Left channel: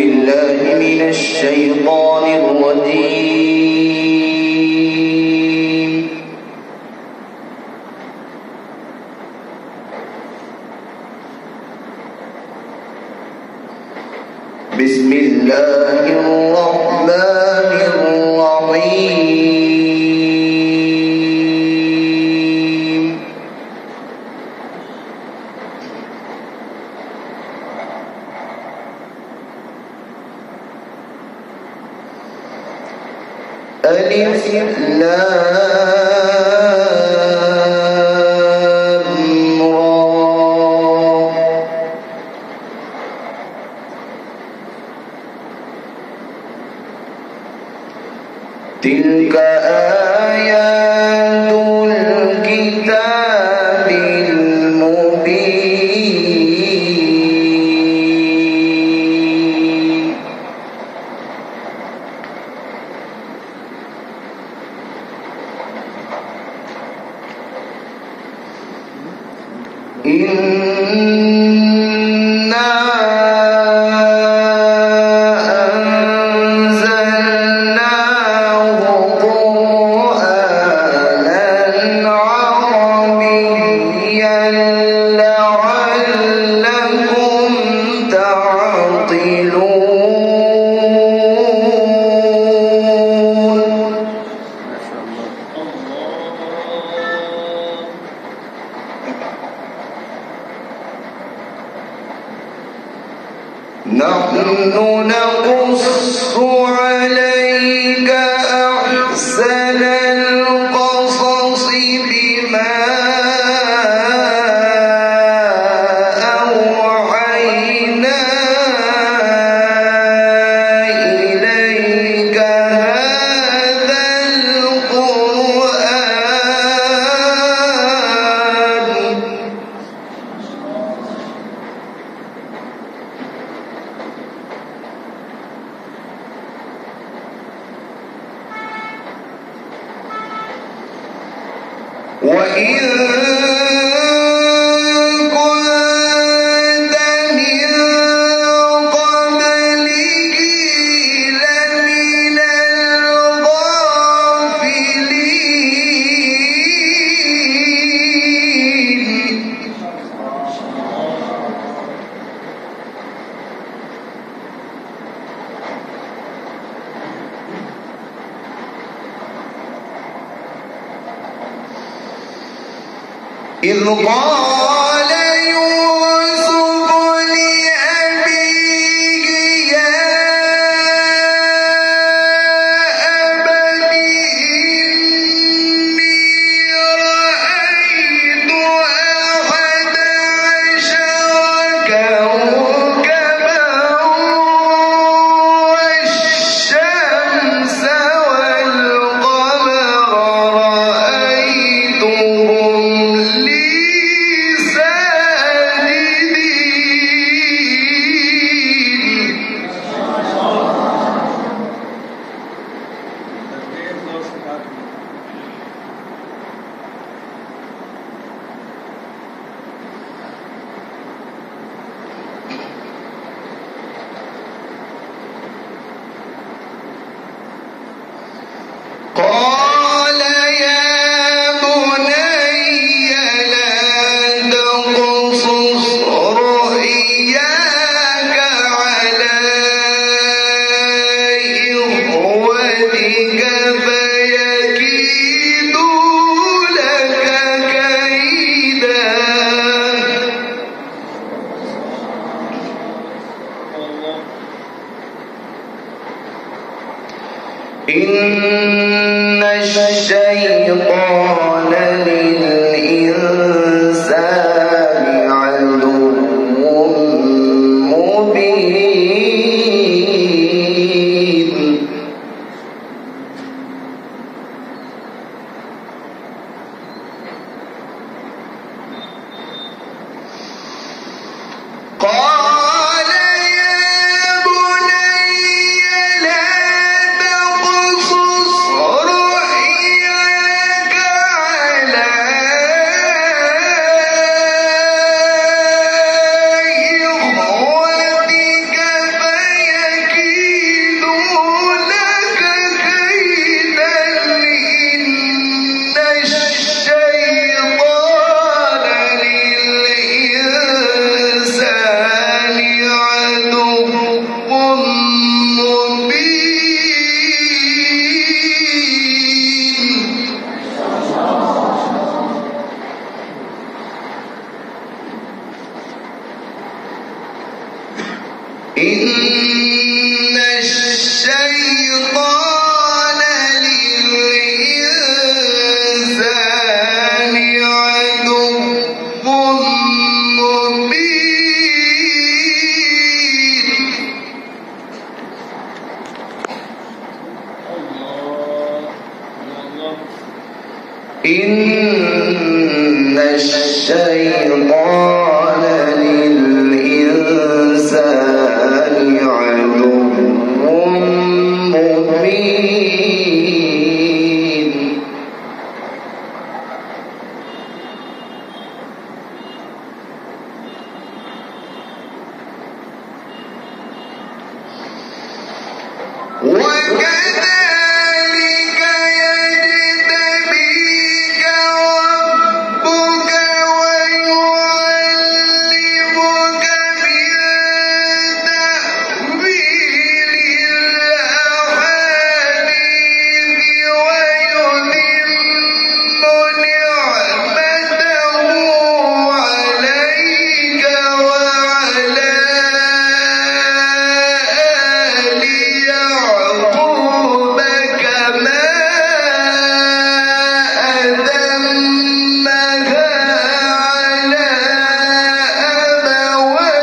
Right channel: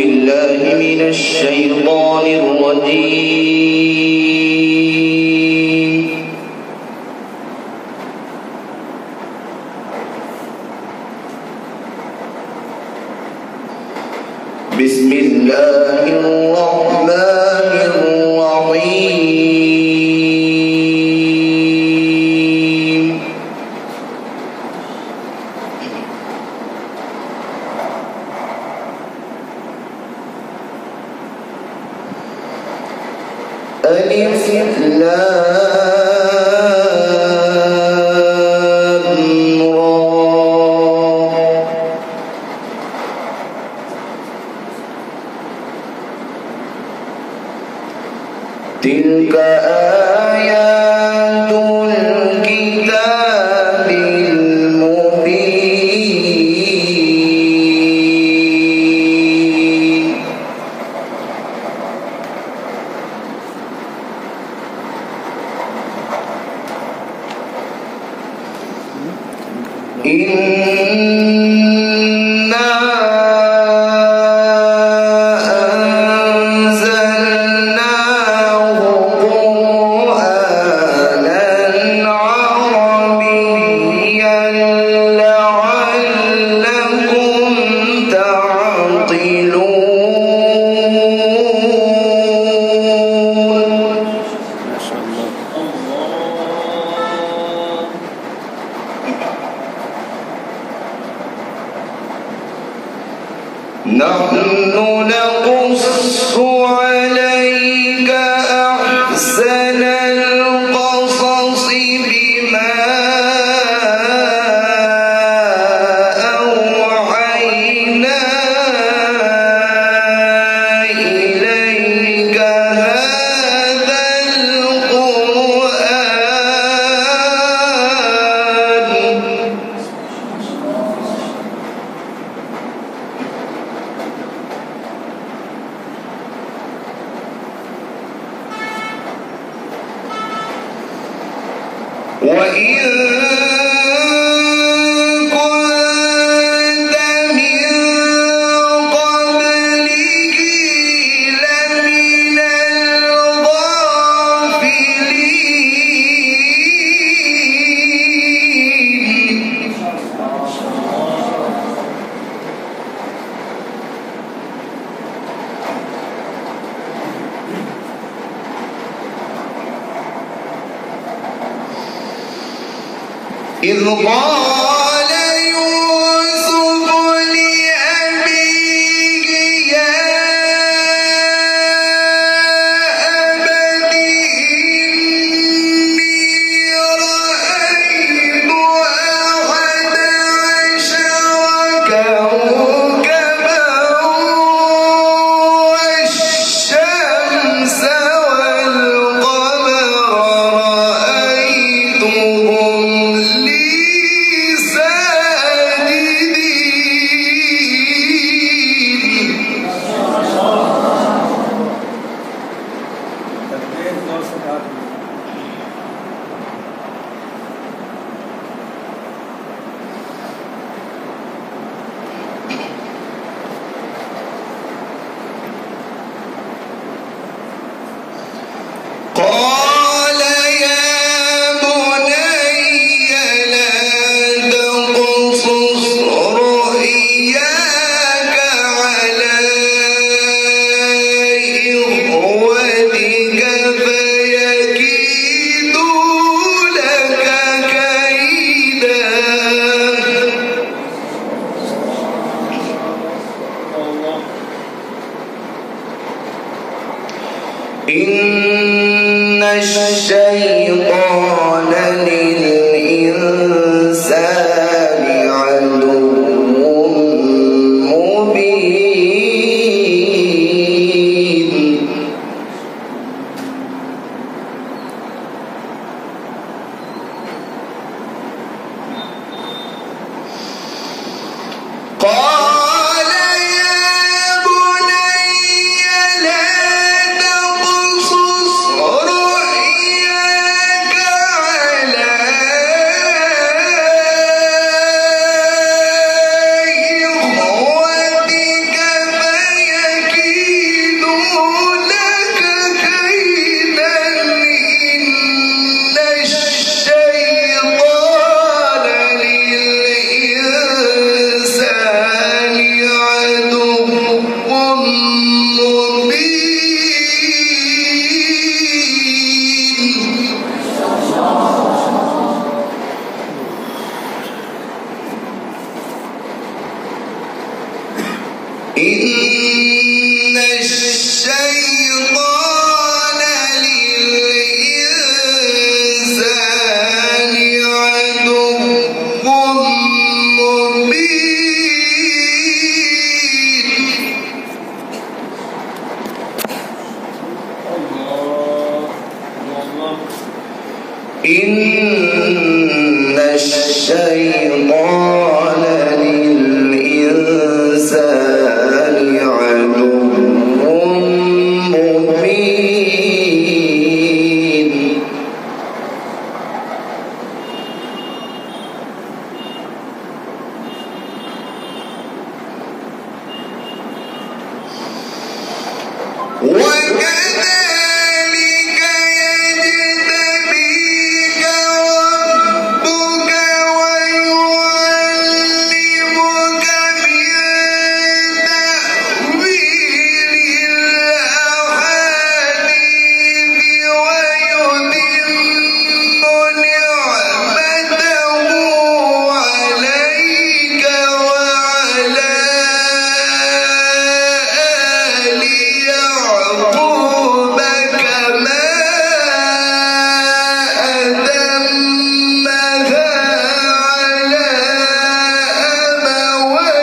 بالله من الشيطان الرجيم. بسم الله الرحمن الرحيم. ألف لام را. تلك آيات الكتاب المبين. إنا أنزلناه قرآنا عربيا لعلكم تعقلون. ما شاء الله. نحن نقص عليك أحسن القصص بما أوحينا إليك هذا القرآن. وإن كنت من قبله لمن الغافلين. إذ قال يوسف لأبيه يا أبت إني رأيت أحد عشر كوكبا والشمس والقمر رأيتهم لي ساجدين. إن الشيطان للإنسان عدو مبين وكذلك يجتبيك ربك ويعلمك من تأويل الأحاديث ويتم نعمته عليك وعلى آل يعقوب كما أتمها على أبويك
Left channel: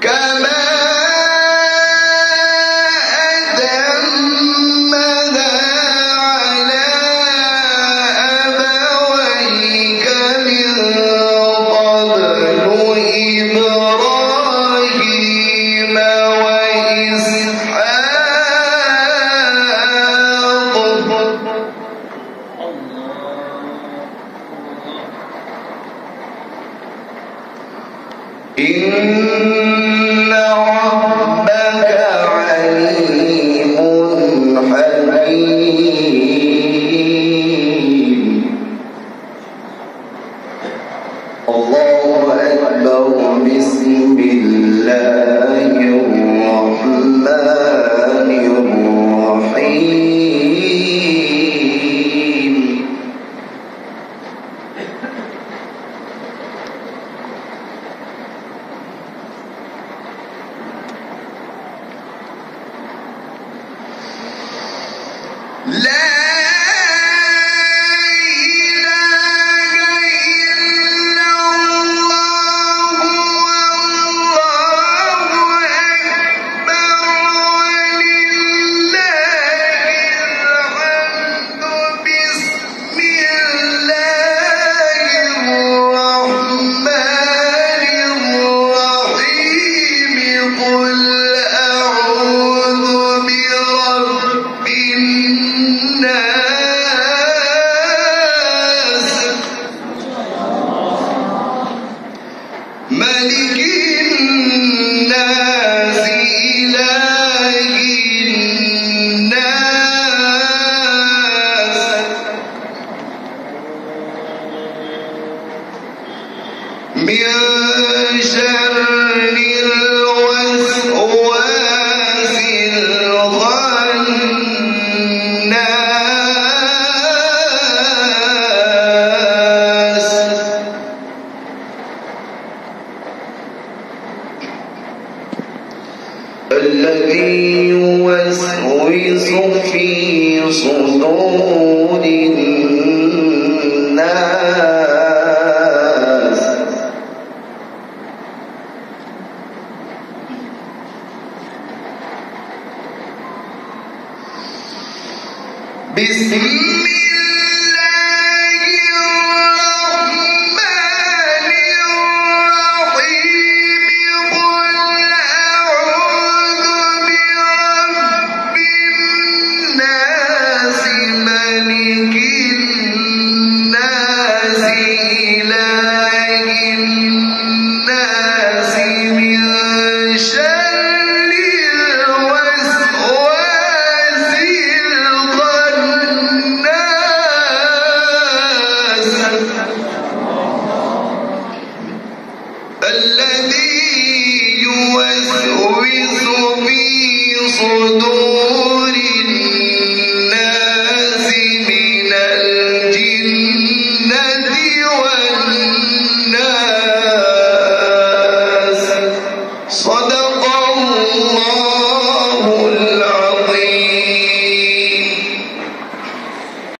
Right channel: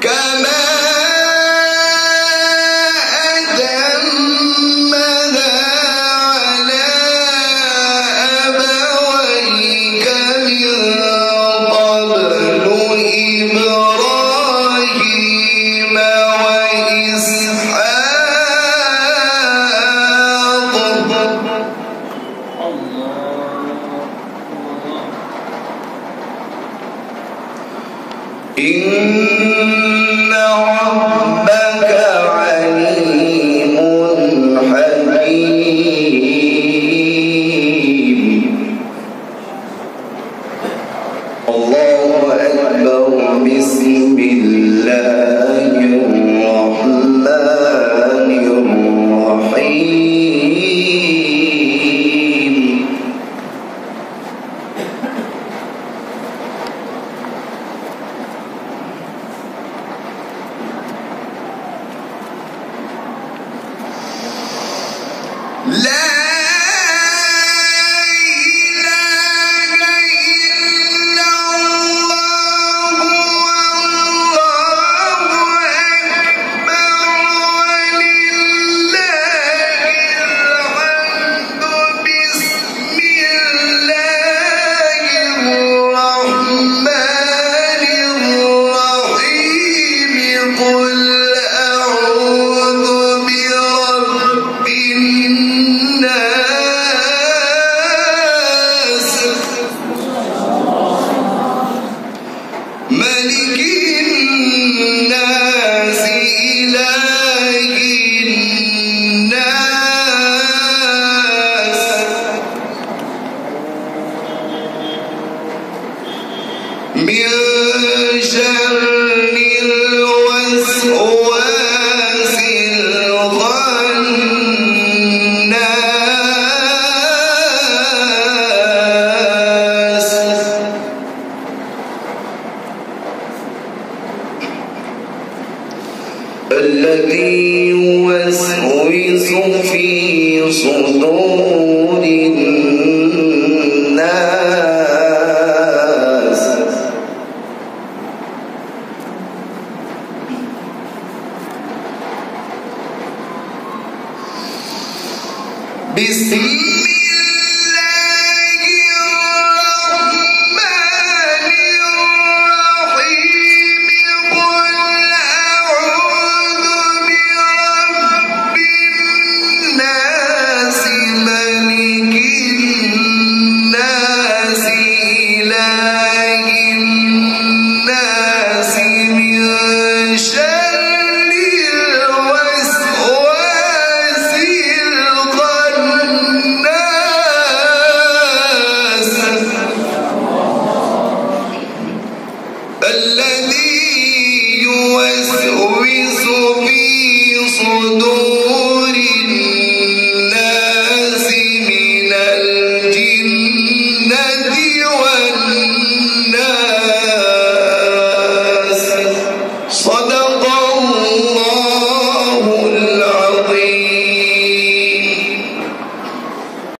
كما أتمها على أبويك من قبل إبراهيم وإسحاق إن ربك عليم حكيم. الله أكبر. بسم الله الرحمن الرحيم. لا إله إلا الله والله أكبر ولله الحمد. بسم الله الرحمن الرحيم. قل أعوذ برب الناس ملك الناس إله الناس من شر الوسواس الخناس الذي يوسوس في صدور الناس بسم